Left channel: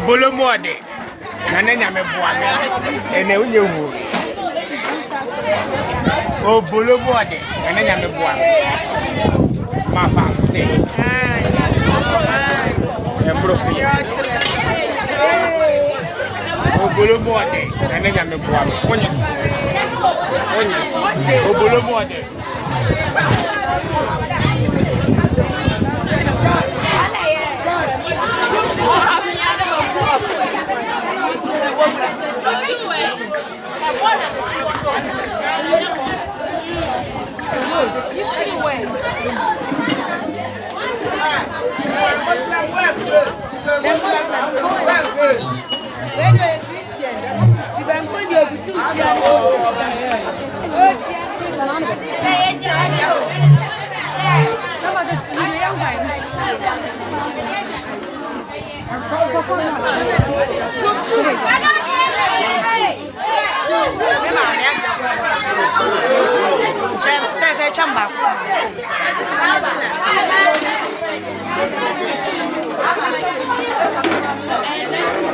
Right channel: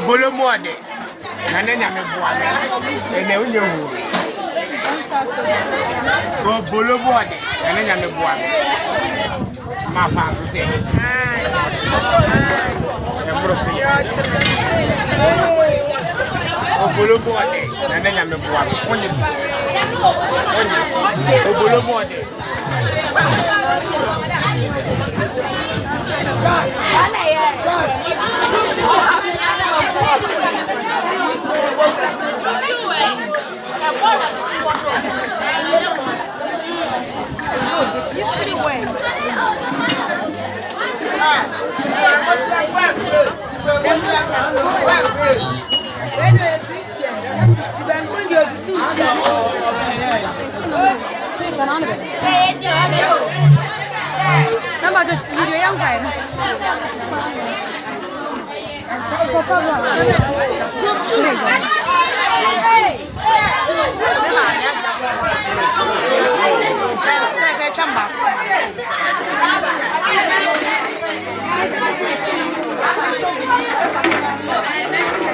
bolo mode. Nane nyame boade. Ene unye wu. O bolo mode. Nane nyame boade. Ma fa se. O bolo mode. Nane nyame boade. Onye. O bolo mode. Saya chamba.